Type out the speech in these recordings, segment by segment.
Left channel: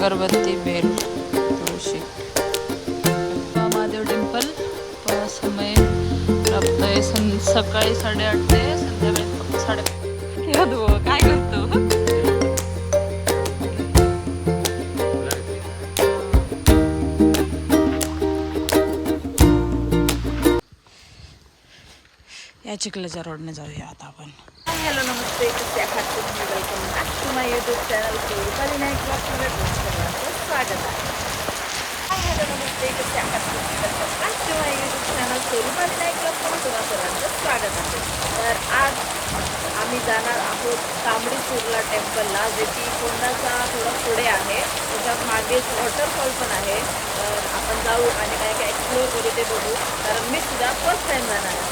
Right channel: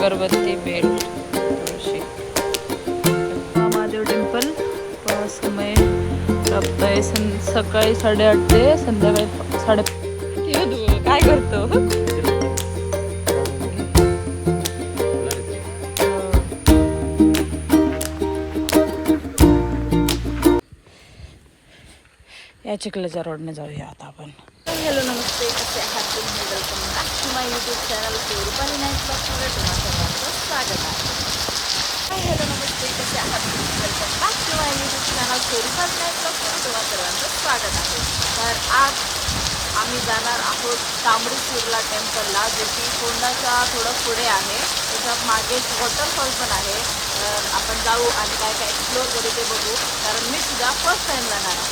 अगरबत्ती, बेल, तुळशी. महादेव टेम्पल. समय प्राप्त आहे सकाळी 8:30 ते संध्याकाळी 5:30. काय करतो? या चिखलाच्या रोडने जाऊया आता आपण. हॅलो नमस्ते, कसे आहात तुम्ही? Welcome back to my YouTube channel Rupali night ब्लॉग्समध्ये तुम्हा सर्वांचं स्वागत आहे. हॅलो नमस्ते, कसे आहात तुम्ही? Welcome back to my YouTube channel Rupali night ब्लॉग्समध्ये तुम्हा सर्वांचं स्वागत आहे. तर आज आम्ही जाणार आहोत तांबडी सुर्ला टेम्पलला, जे की फोंडाच्या थोडं पुढे आहे. त्याच्या मागे वॉटरफॉल पण आहे. तर आपण जाऊ आणि काय काय एक्सप्लोअर करू ते बघू, कारण मी सुद्धा फर्स्ट टाइम जाणार आहे.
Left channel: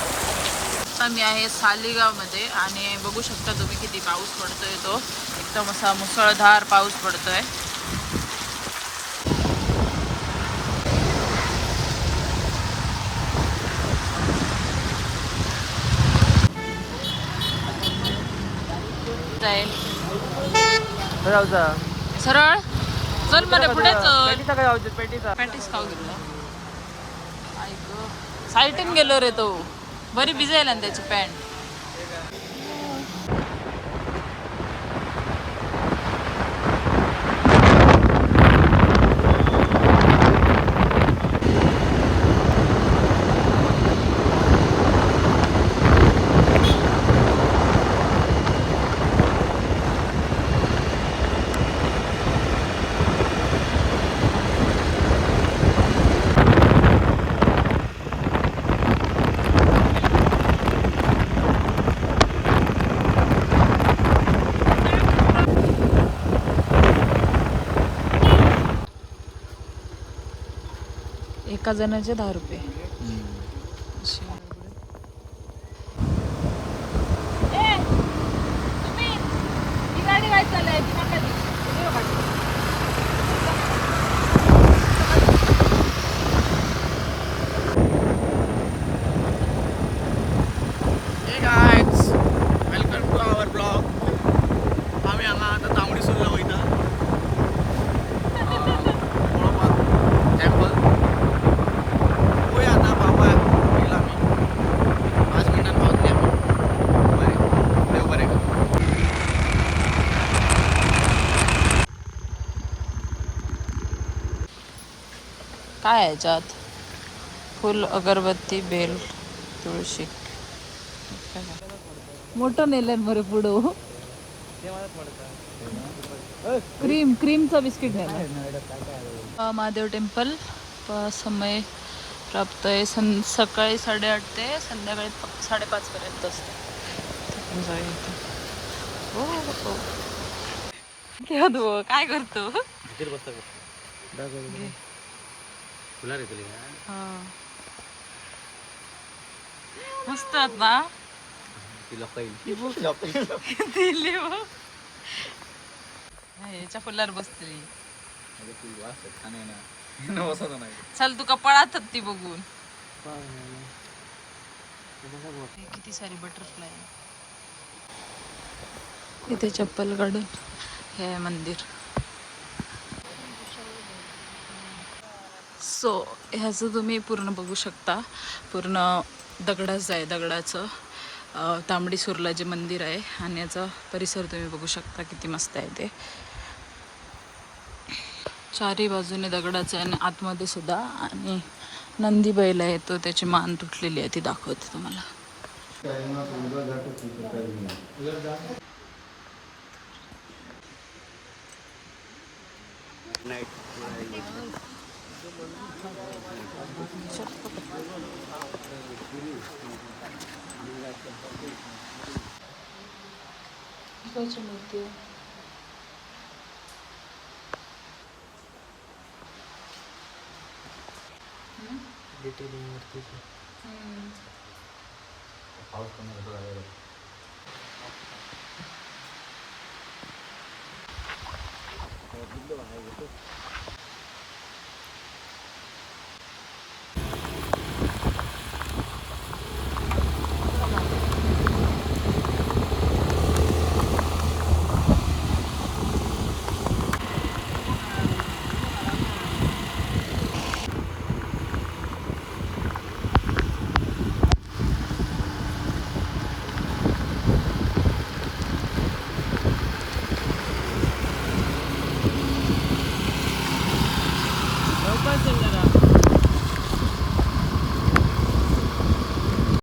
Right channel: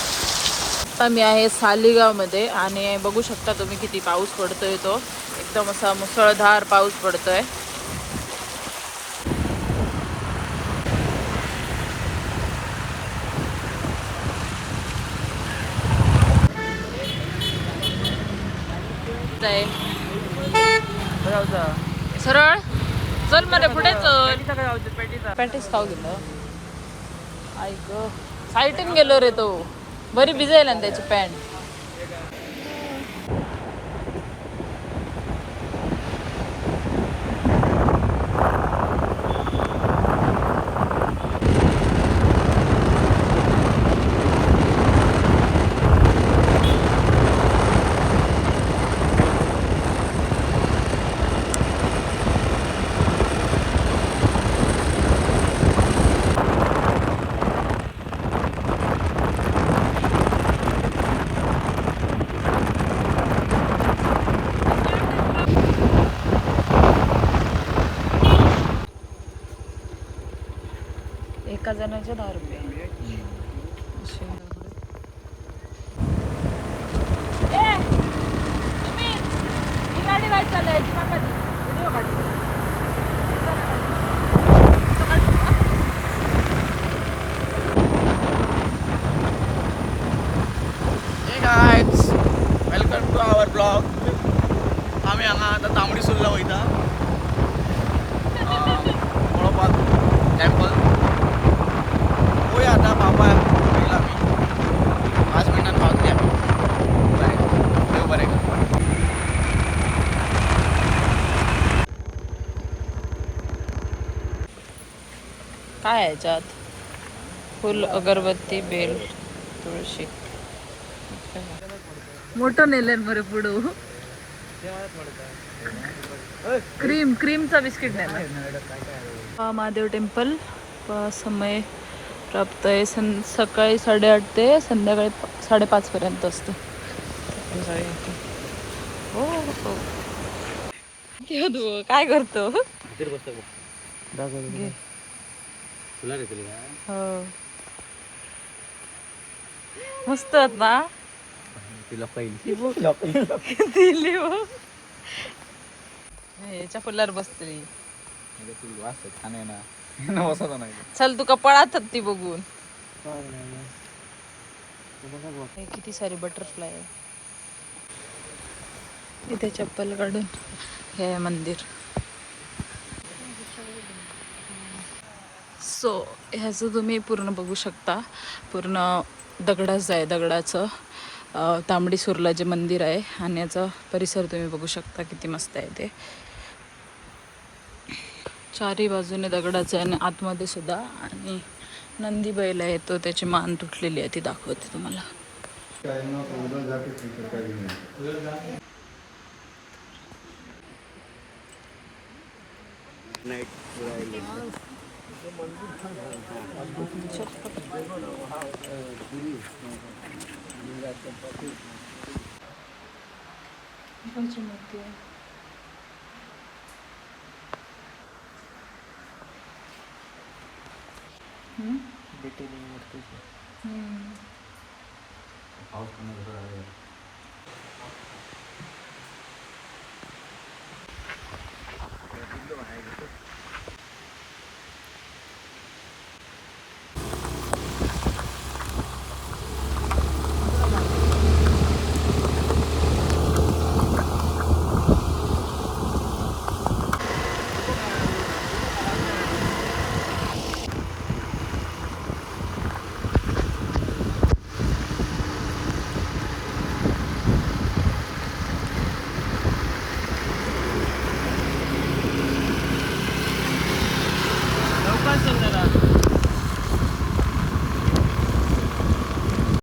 आता मी आहे सालीगावमध्ये आणि बघू शकता तुम्ही किती पाऊस पडतोय. तो एकदम असा मुसळधार पाऊस पडतोय. सरळ चल मध्ये पुढे चल. पॅटीस खाऊ गेलो. ऐक साईटून गेलो रे तो. बरी भिजायला ना त्याची पॅन्ट. एका जणाचे 10 रुपये. Welcome to our blog. आम्ही हांगा आतां तांबडी सुर्ला वयता. पळोवपाक टेम्पल. पळोवया आतां पावपा येयला आमी. 5 मिनटान पावतली आमी. बरें, देव बरें कर. काय आहे याच्यात? फुल, अगरबत्ती, बेल, तुळशी. मोठं नेलंय बरं पुढं. क्रीमचं बिस्किट नेलं. महादेव टेम्पल. समय प्राप्त आहे सकाळी 8:30 ते संध्याकाळी 5:30 पर्यंत असते. हो काय करतो? मस्त ना. याच्या फुलावर बसतली. चल तू कपाळात ती बघून. किती सारी बटरफ्लाय आहे. इथे चप्पल काढून हे मंदिर. सो ह्याचं तुम्ही पूर्ण बघू शकता. पूर्ण दगडाचं आहे. दगडाचं तांबडी सुर्ला जे मंदिर आहे आणि याचा परिसर तुम्ही बघू शकता किती मस्त आहे ते. चारी बाजूने दगडाचं आहे आणि आतमध्ये सुद्धा. आणि नंदी बैल आहे, तो त्याची मान तुटलेली आहे, ती दाखवते तुम्हाला.